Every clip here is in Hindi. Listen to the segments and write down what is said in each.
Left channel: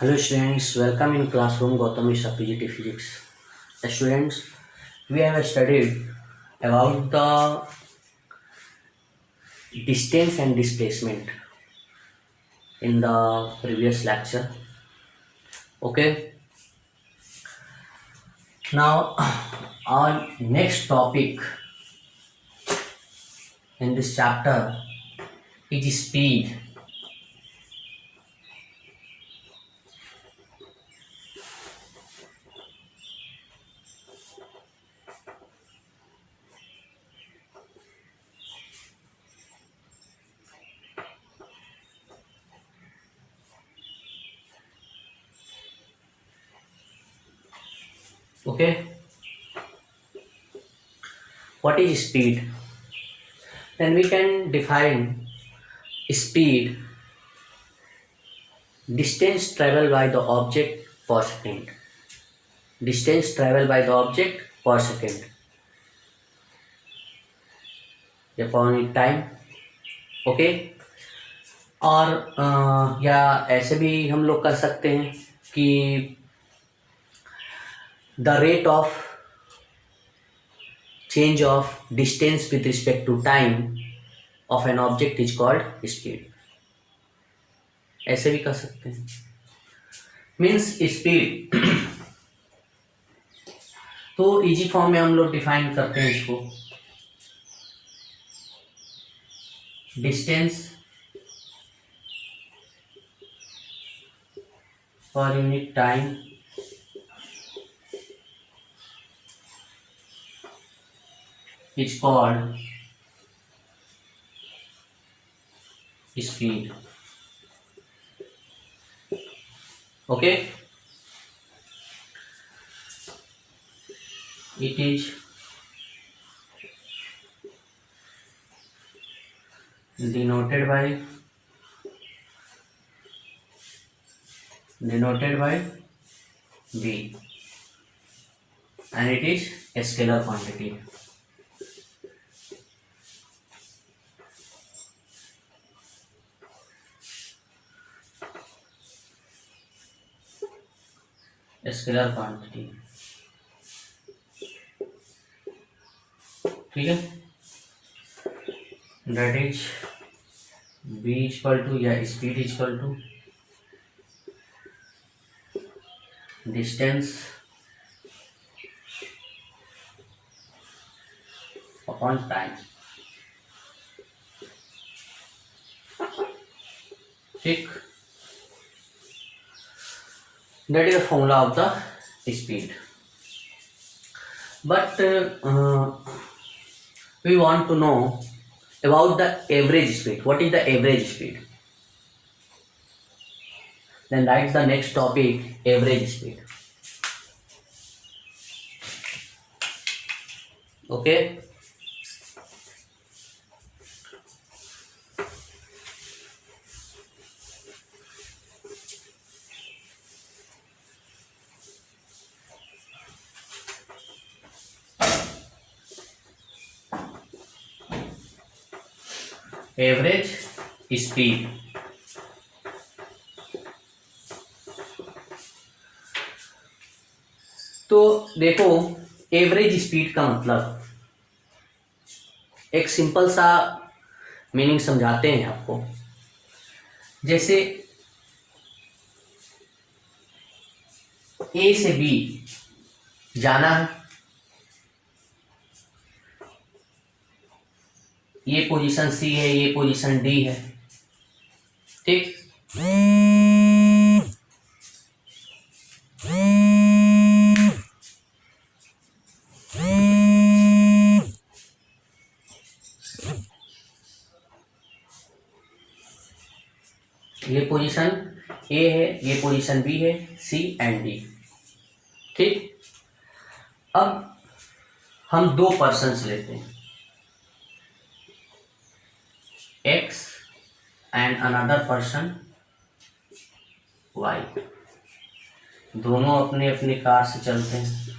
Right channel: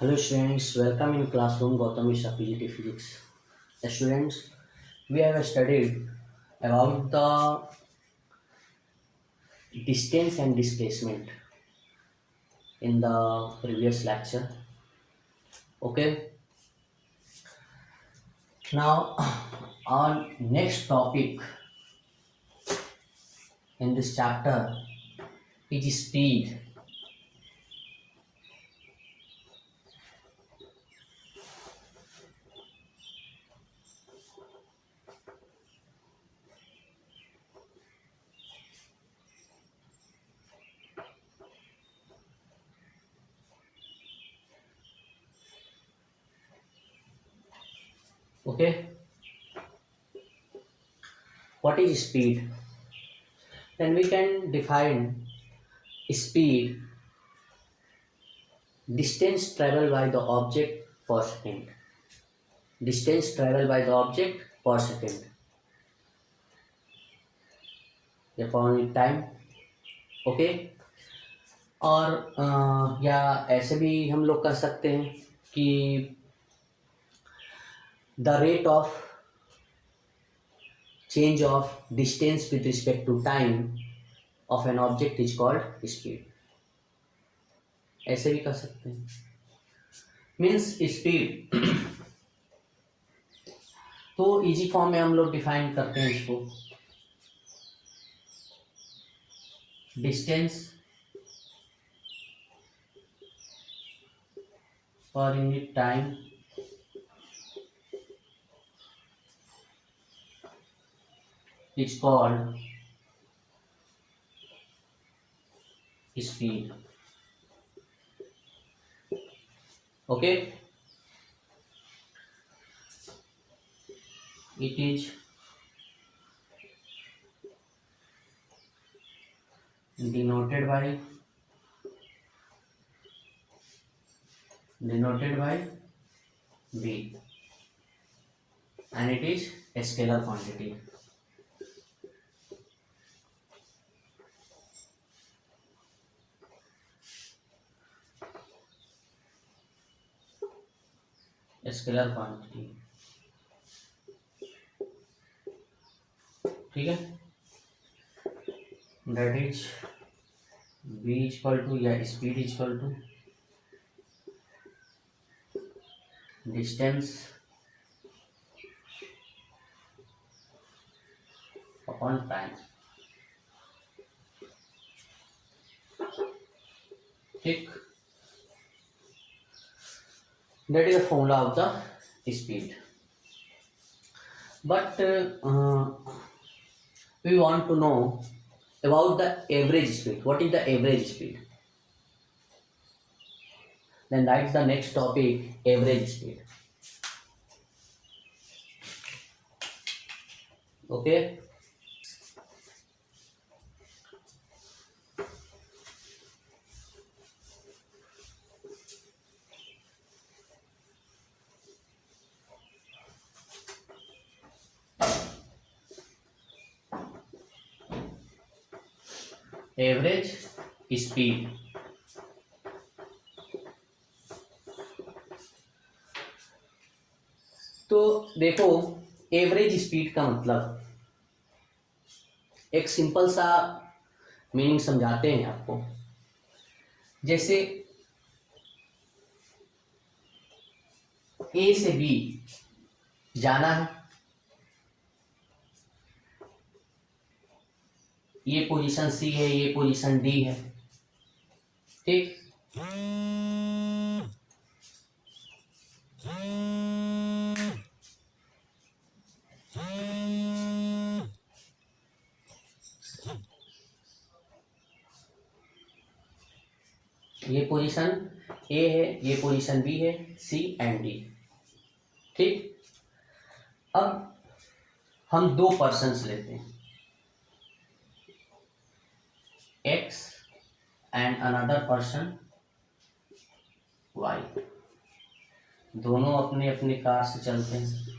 Hello students, welcome in classroom Gautam Mishra PGT Physics. Students, we have studied about the distance and displacement in the previous lecture. Okay, now our next topic in this chapter is speed. Okay, what is speed? Then we can define speed, distance traveled by the object per second. Distance traveled by the object per second. Upon time. Okay, और या ऐसे भी हम लोग कर सकते हैं कि the rate of change of distance with respect to time of an object is called speed. ऐसे भी कर सकते हैं, मीन्स स्पीड। तो इजी फॉर्म में हम लोग डिफाइन करते हैं इसको, distance per unit time is called speed. Okay, it is denoted by v, and it is a scalar quantity. Scalar quantity, ठीक है। That is v equal to या speed equal to distance upon time, ठीक। That is the formula of the speed. But we want to know about the average speed. What is the average speed? Then write the next topic, average speed. Okay. Average speed, तो देखो एवरेज स्पीड का मतलब एक सिंपल सा मीनिंग समझाते हैं आपको। जैसे ए से बी जाना है, ये पोजीशन सी है, ये पोजीशन डी है, ठीक। ये पोजीशन ए है, ये पोजीशन बी है, सी एंड डी, ठीक। अब हम दो पर्सन्स लेते हैं, X and another person Y, दोनों अपने अपनी कार से चलते हैं,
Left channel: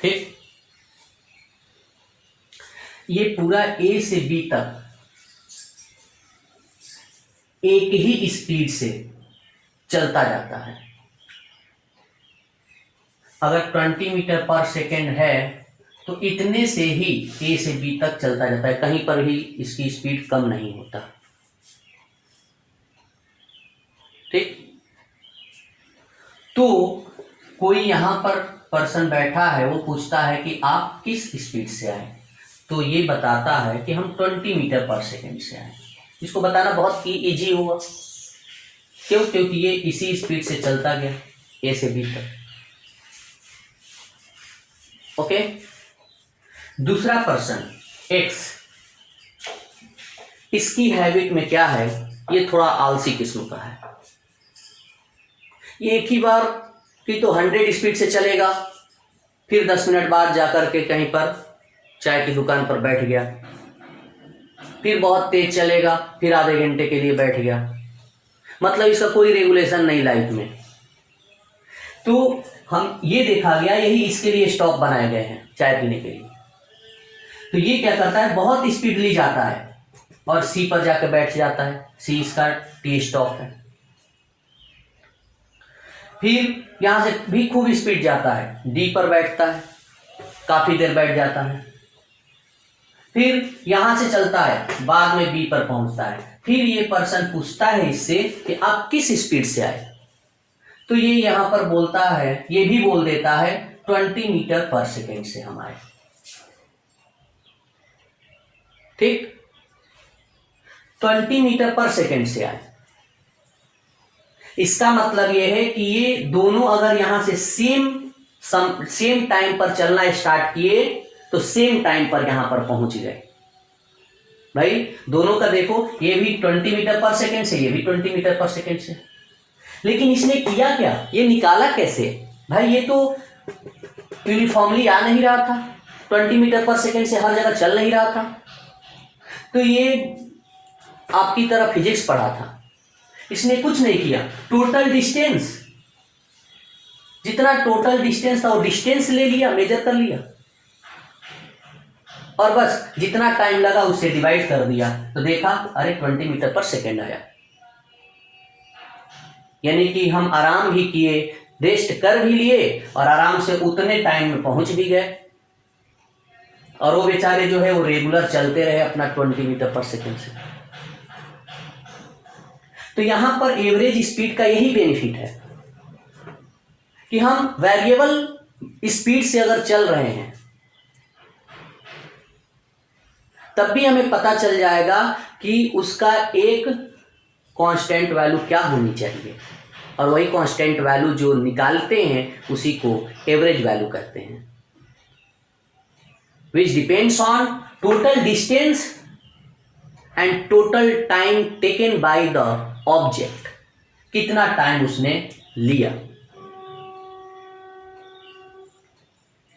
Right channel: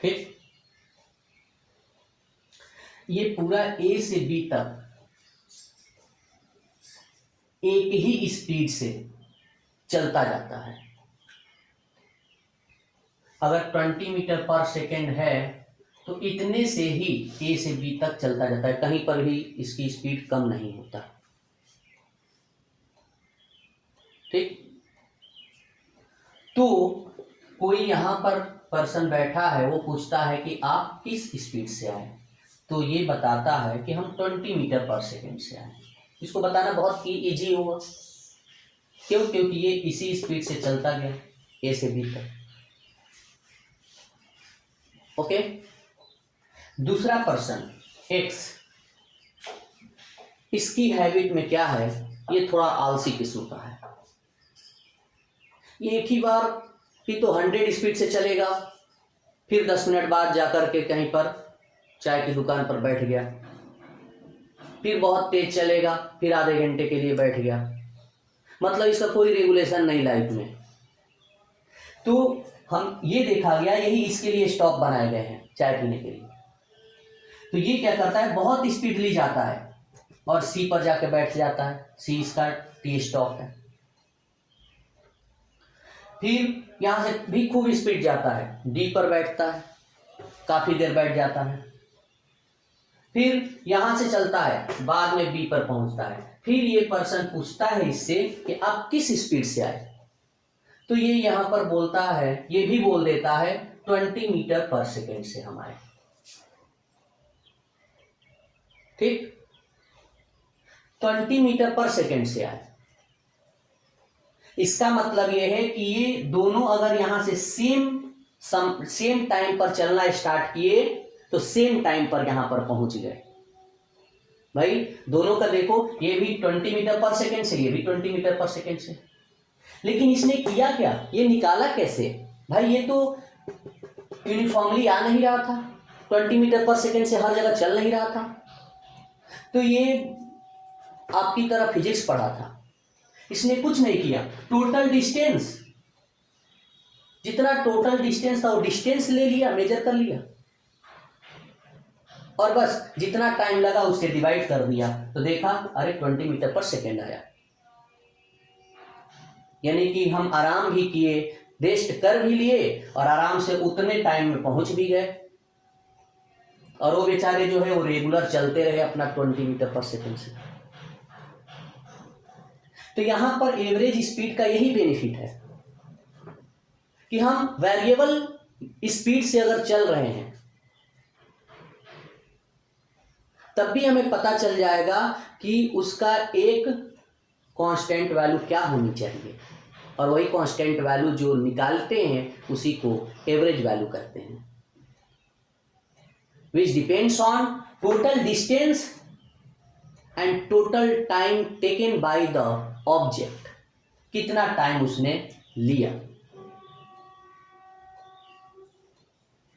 ठीक। ये पूरा A से B तक एक ही स्पीड से चलता जाता है। अगर 20 मीटर पर सेकेंड है तो इतने से ही ए से बी तक चलता जाता है, कहीं पर भी इसकी स्पीड कम नहीं होता। ठीक, तो कोई यहां पर पर्सन बैठा है, वो पूछता है कि आप किस स्पीड से आए, तो ये बताता है कि हम 20 मीटर पर सेकेंड से आए। इसको बताना बहुत ही इजी हुआ, क्यों? क्योंकि ये इसी स्पीड से चलता गया ए से बी तक। ओके, दूसरा पर्सन एक्स, इसकी हैबिट में क्या है, ये थोड़ा आलसी किस्म का है। ये एक ही बार कि तो 100 स्पीड से चलेगा, फिर 10 मिनट बाद जाकर के कहीं पर चाय की दुकान पर बैठ गया, फिर बहुत तेज चलेगा, फिर आधे घंटे के लिए बैठ गया। मतलब इसका कोई रेगुलेशन नहीं लाइफ में। तो हम ये देखा गया, यही इसके लिए स्टॉप बनाए गए हैं चाय पीने के लिए। तो ये क्या करता है, बहुत स्पीडली जाता है और सी पर जाकर बैठ जाता है, सी इसका टी स्टॉप है। फिर यहां से भी खूब स्पीड जाता है, डी पर बैठता है, काफी देर बैठ जाता है, फिर यहां से चलता है, बाद में बी पर पहुंचता है। फिर ये पर्सन पूछता है इससे कि आप किस स्पीड से आए, तो ये यहां पर बोलता है, ये भी बोल देता है 20 मीटर पर सेकेंड से हम आए। ठीक, 20 मीटर पर सेकेंड से आए। इसका मतलब यह है कि ये दोनों अगर यहां से सेम टाइम पर चलना स्टार्ट किए तो सेम टाइम पर यहां पर पहुंच गए। भाई दोनों का देखो, ये भी 20 मीटर पर सेकेंड से, ये भी 20 मीटर पर सेकेंड से। लेकिन इसने किया क्या, ये निकाला कैसे? भाई ये तो यूनिफॉर्मली आ नहीं रहा था, 20 मीटर पर सेकेंड से हर जगह चल नहीं रहा था। तो ये आपकी तरह फिजिक्स पढ़ा था, इसने कुछ नहीं किया, टोटल डिस्टेंस, जितना टोटल डिस्टेंस था वो डिस्टेंस ले लिया, मेजर कर लिया, और बस जितना टाइम लगा उससे डिवाइड कर दिया, तो देखा अरे 20 मीटर पर सेकेंड आया। यानी कि हम आराम भी किए, रेस्ट कर भी लिए और आराम से उतने टाइम में पहुंच भी गए। और वो बेचारे जो है वो रेगुलर चलते रहे अपना 20 मीटर पर सेकेंड से। तो यहां पर एवरेज स्पीड का यही बेनिफिट है कि हम वेरिएबल स्पीड से अगर चल रहे हैं तब भी हमें पता चल जाएगा कि उसका एक कांस्टेंट वैल्यू क्या होनी चाहिए, और वही कांस्टेंट वैल्यू जो निकालते हैं उसी को एवरेज वैल्यू कहते हैं, which depends on total distance and total time taken by the object, कितना टाइम उसने लिया।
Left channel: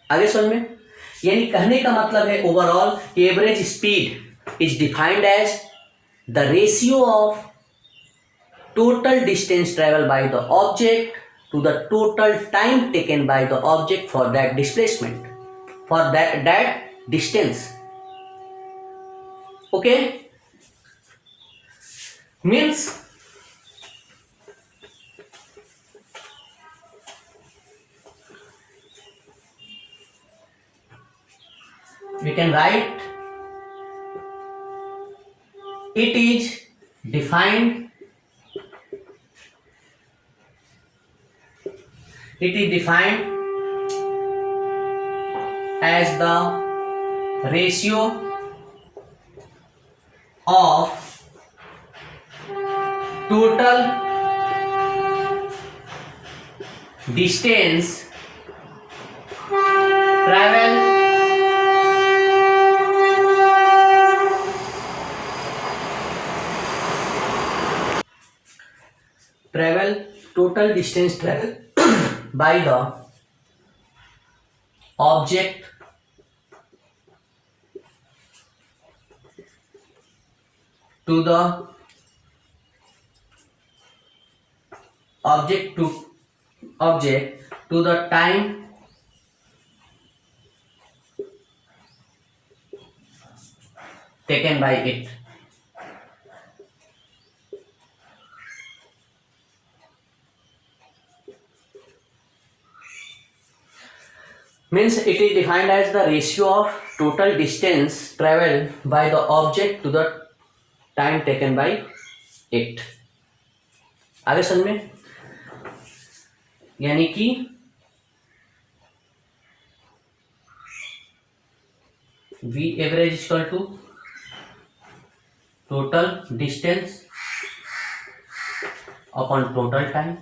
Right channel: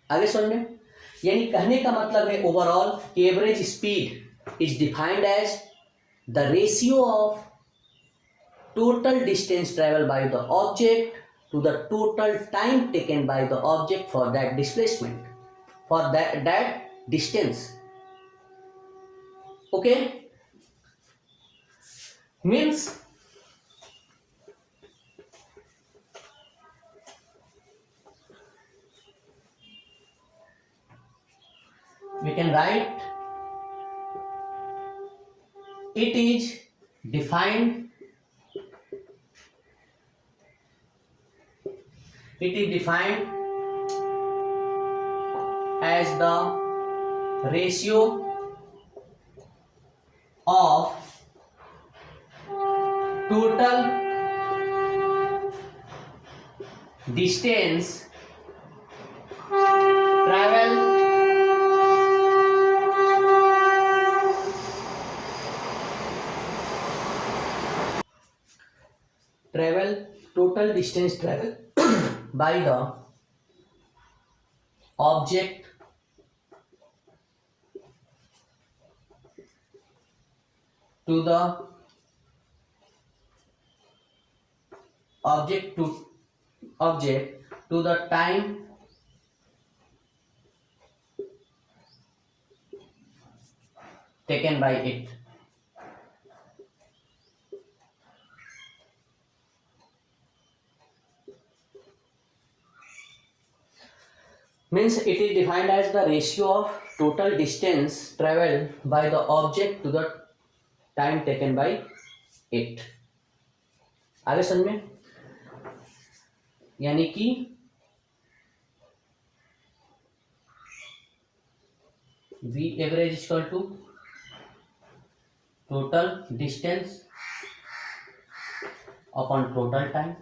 आगे समझ में? यानी कहने का मतलब है overall average speed is defined as the ratio of total distance travel by the object to the total time taken by the object for that displacement, for that distance. Okay, means we can write it is defined as the ratio of total distance travel total distance travel by the object to the time taken by it. Means it is defined as the ratio of total distance travel by the object to the time taken by it. आगे समझ में, यानी कि V average is equal to total distance upon total time,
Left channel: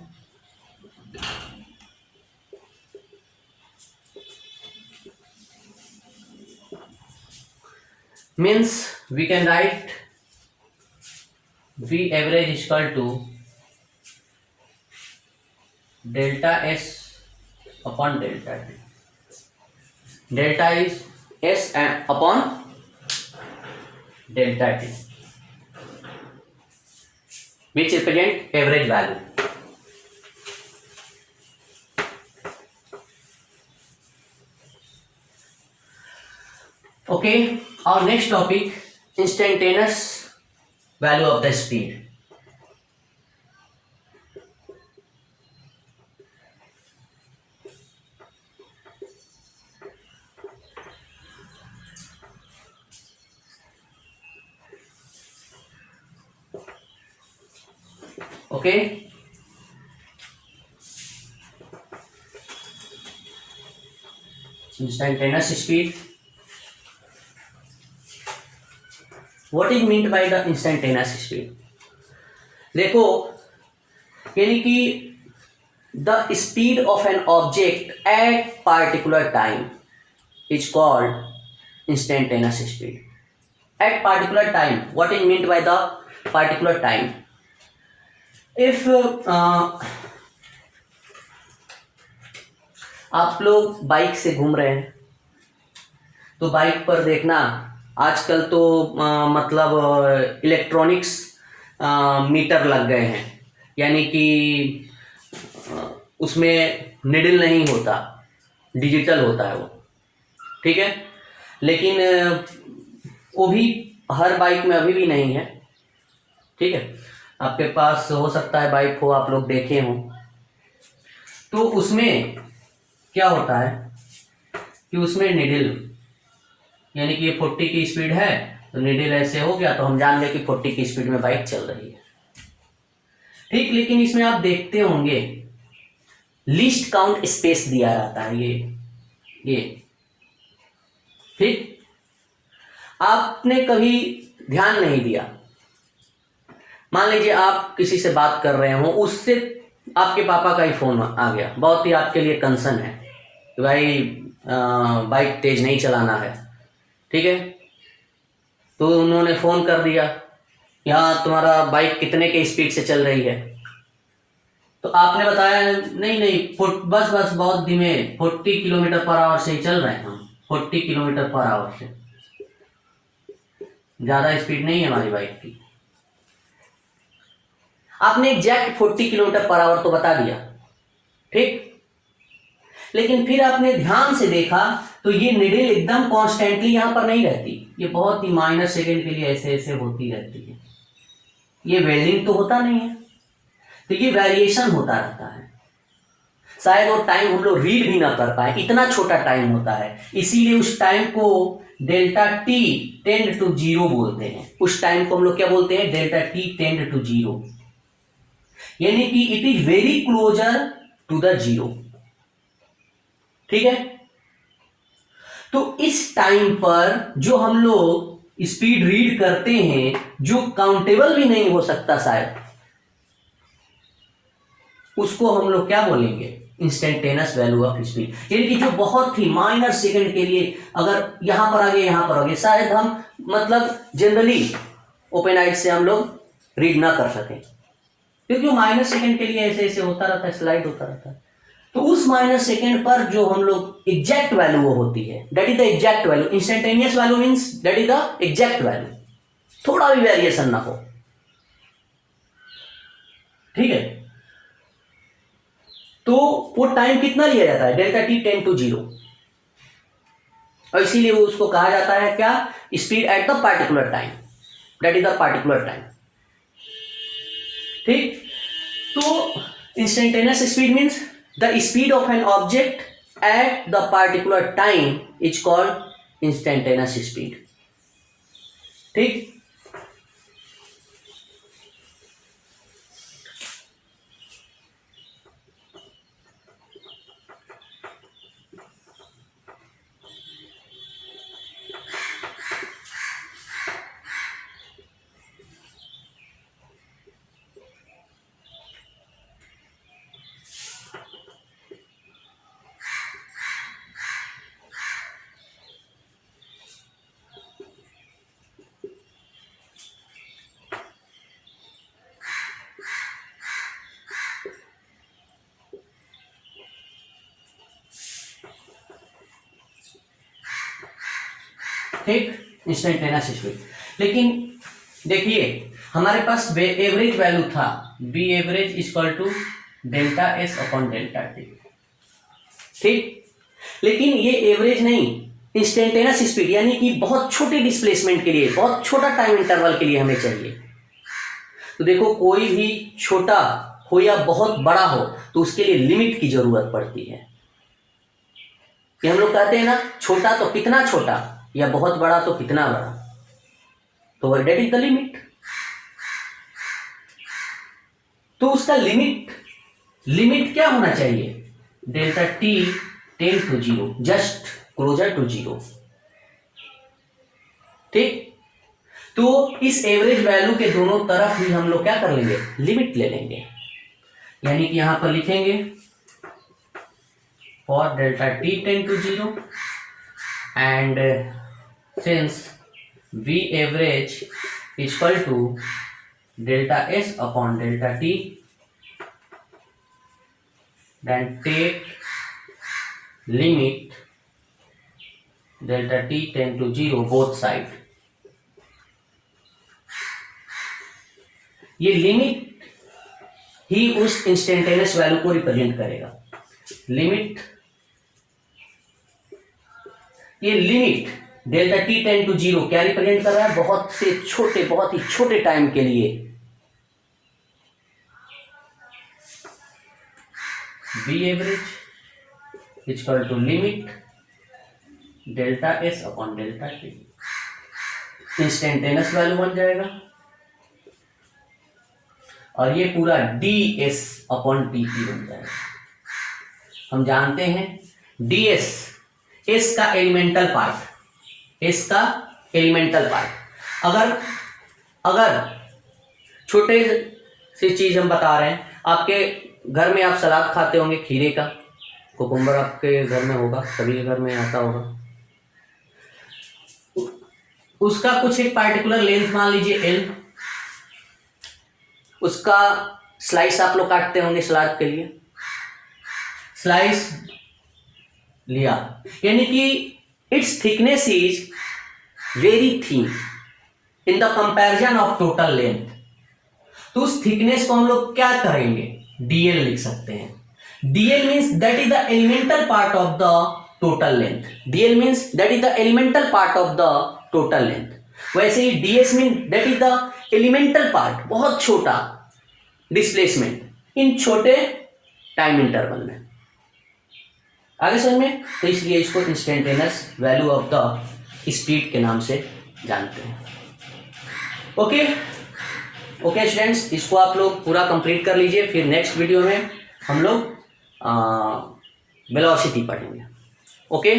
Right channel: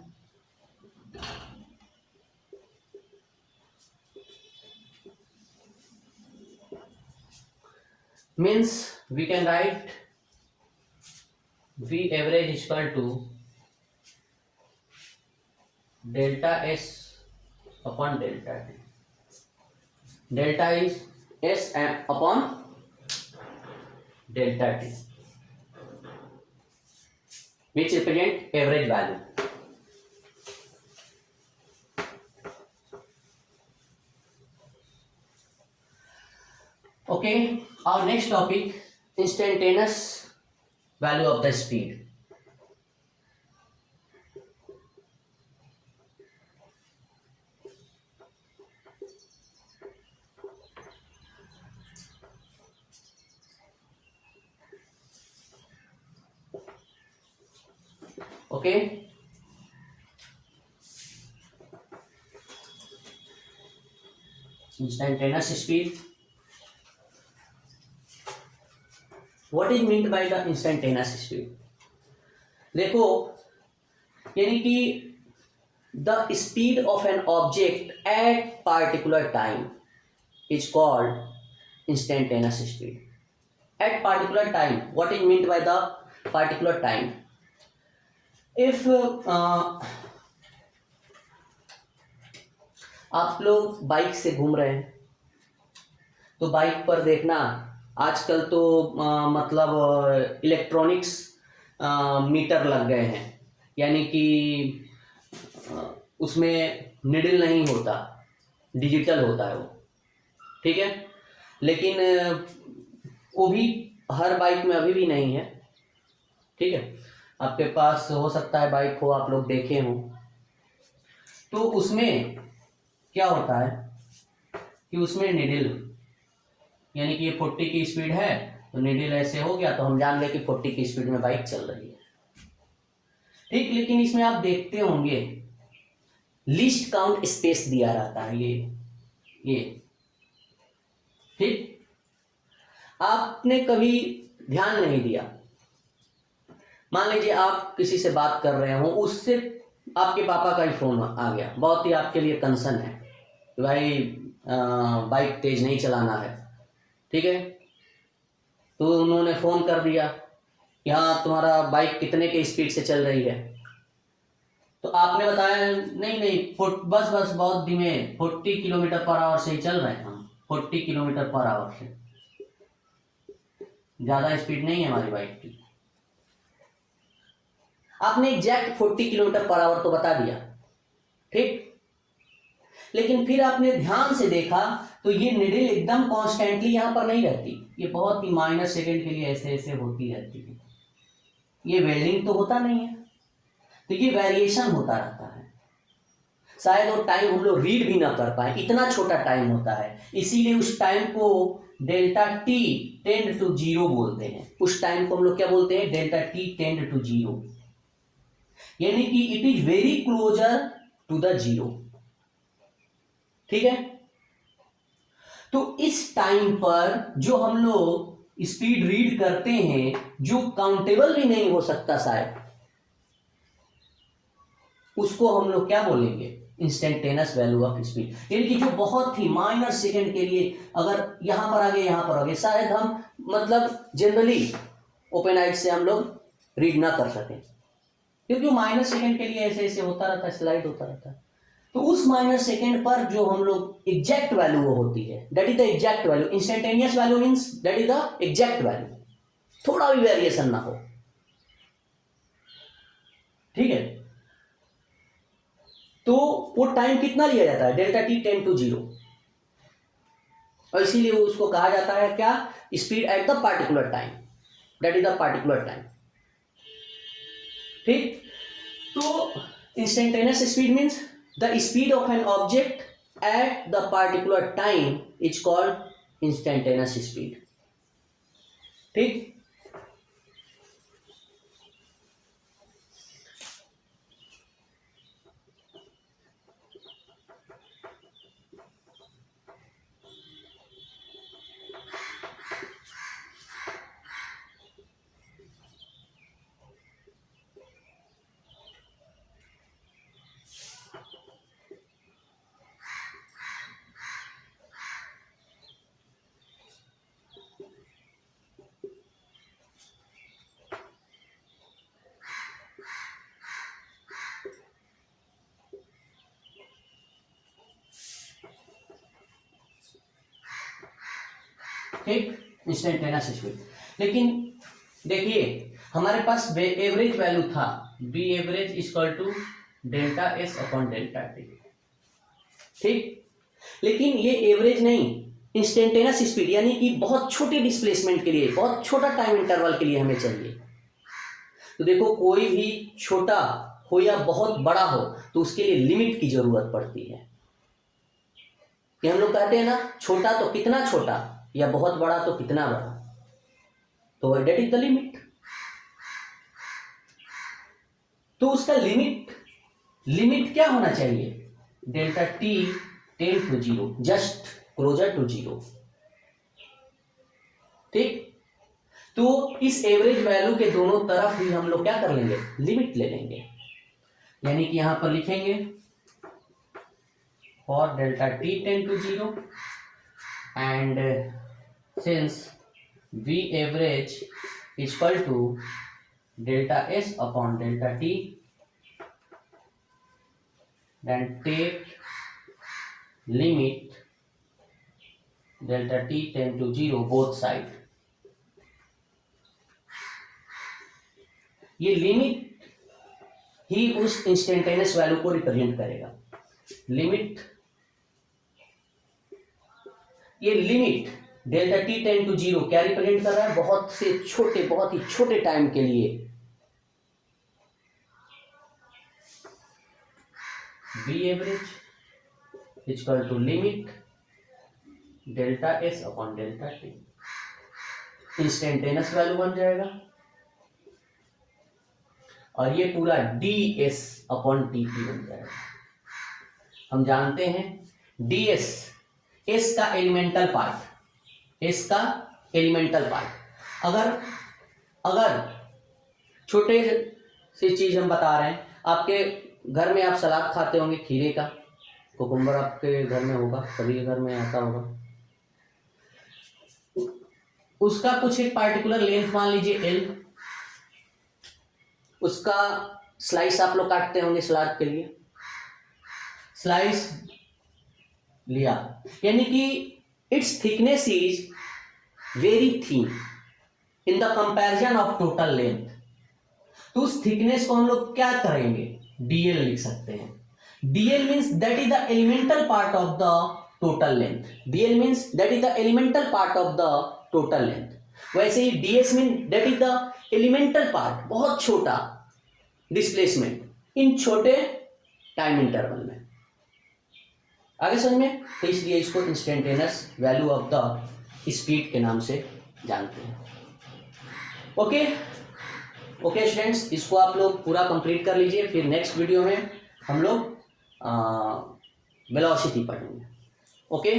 means we can write V average is equal to delta S upon delta T. Delta is S upon delta T, which represent average value. Okay, our next topic, instantaneous value of the speed. Okay, instantaneous speed. What is meant by the instantaneous speed? देखो, यानी कि the speed of an object at particular time is called instantaneous speed. At particular time, what is meant by the particular time? If आप लोग बाइक से घूम रहे हैं तो बाइक पर देखना आजकल तो मतलब इलेक्ट्रॉनिक्स मीटर लग गए हैं, यानी कि उसमें निडल नहीं होता, डिजिटल होता है वो, ठीक है। लेकिन वो भी हर बाइक में अभी भी नहीं है, ठीक है। आपके पास हो सकता है बाइक हो, आप लोग देखे हों, तो उसमें क्या होता है कि उसमें निडल, यानी कि ये 40 की स्पीड है तो निडल ऐसे हो गया तो हम जान गए कि 40 की स्पीड में बाइक चल रही है, ठीक। लेकिन इसमें आप देखते होंगे लीस्ट काउंट स्पेस दिया रहता है, ये ठीक। आपने कभी ध्यान नहीं दिया, मान लीजिए आप किसी से बात कर रहे हो, उससे आपके पापा का ही फोन आ गया, बहुत ही आपके लिए कंसर्न है कि भाई बाइक तेज नहीं चलाना है, ठीक है। तो उन्होंने फोन कर दिया, यहाँ तुम्हारा बाइक कितने के स्पीड से चल रही है, तो आपने बताया नहीं बस बहुत धीमे 40 किलोमीटर पर आवर से ही चल रहे हैं हम, 40 किलोमीटर पर आवर से, ज्यादा स्पीड नहीं है हमारी बाइक की। आपने एग्जैक्ट 40 किलोमीटर पर आवर तो बता दिया, ठीक। लेकिन फिर आपने ध्यान से देखा तो ये निडल एकदम कॉन्स्टेंटली यहां पर नहीं रहती, ये बहुत ही माइनर सेकेंड के लिए ऐसे ऐसे होती रहती है, ये वेरिंग तो होता नहीं है, तो ये वेरिएशन होता रहता है। शायद वो टाइम हम लोग रीड भी ना कर पाए, इतना छोटा टाइम होता है, इसीलिए उस टाइम को delta T tend to zero बोलते हैं। उस टाइम को हम लोग क्या बोलते हैं? Delta T tend to zero, यानी कि it is very closer to the zero, ठीक है। तो इस टाइम पर जो हम लोग स्पीड रीड करते हैं, जो काउंटेबल भी नहीं हो सकता शायद, उसको हम लोग क्या बोलेंगे? इंस्टेंटेनियस वैल्यू ऑफ स्पीड, यानी कि जो बहुत ही माइनर सेकंड के लिए अगर यहां पर आ गए यहां पर आ गए, शायद हम मतलब जनरली ओपन आइज से हम लोग रीड ना कर सकें, क्योंकि माइनर सेकंड के लिए ऐसे ऐसे होता रहता है, स्लाइड होता रहता है। तो उस माइनर सेकंड पर जो हम लोग एग्जैक्ट वैल्यू वो होती है, that is the exact value. Instantaneous value means that is the exact value, थोड़ा भी वेरिएशन ना हो, ठीक है। तो वो टाइम कितना लिया जाता है? Delta T tend to zero, और इसीलिए उसको कहा जाता है क्या? Speed at the particular time, that is the particular time, ठीक। तो instantaneous speed means the speed of an object at the particular time is called instantaneous speed. ठीक, ठीक, इंस्टेंटेनियस स्पीड। लेकिन देखिए हमारे पास एवरेज वैल्यू था V average equal to delta S upon delta T. ठीक, लेकिन ये एवरेज नहीं, इंस्टेंटेनियस स्पीड यानी कि बहुत छोटे डिस्प्लेसमेंट के लिए, बहुत छोटा टाइम इंटरवल के लिए हमें चाहिए। तो देखो कोई भी छोटा हो या बहुत बड़ा हो तो उसके लिए लिमिट की जरूरत पड़ती है। कि हम लोग कहते हैं ना, छोटा तो कितना छोटा या बहुत बड़ा तो कितना बड़ा, तो डेट इज द लिमिट। तो उसका लिमिट क्या होना चाहिए, delta T tend to zero, just closer to zero. ठीक, तो इस एवरेज वैल्यू के दोनों तरफ भी हम लोग क्या कर लेंगे, लिमिट ले लेंगे। यानी कि यहां पर लिखेंगे for delta T tend to zero and since V average is equal to delta S upon delta T, then take limit delta T tend to zero both side। ये लिमिट ही उस इंस्टेंटेनियस वैल्यू को रिप्रेजेंट करेगा। लिमिट, ये limit delta T tend to zero क्या रिप्रेजेंट कर रहा है, बहुत ही छोटे टाइम के लिए V average equal to limit delta S upon delta T, instantaneous value बन जाएगा। और ये पूरा D S upon T P बन जाएगा। हम जानते हैं डी एस का एलिमेंटल पार्ट, इसका एलिमेंटल पार्ट। अगर छोटे सी चीज हम बता रहे हैं, आपके घर में आप सलाद खाते होंगे खीरे का, कुकुम्बर आपके घर में होगा, सभी घर में आता होगा। उसका कुछ एक पार्टिकुलर लेंथ मान लीजिए एल, उसका स्लाइस आप लोग काटते होंगे सलाद के लिए, स्लाइस लिया यानी कि its thickness is very thin in the comparison of total length। तो उस थिकनेस को हम लोग क्या करेंगे, dl लिख सकते हैं। dl means that is the elemental part of the total length। dl means that is the elemental part of the total length। वैसे ही ds means that is the elemental part, बहुत छोटा डिस्प्लेसमेंट इन छोटे टाइम इंटरवल में। आगे समझ में, तो इसलिए इसको instantaneous value of the speed के नाम से जानते हैं। ओके स्टूडेंट्स, इसको आप लोग पूरा कंप्लीट कर लीजिए, फिर नेक्स्ट वीडियो में हम लोग वेलोसिटी पढ़ेंगे। ओके।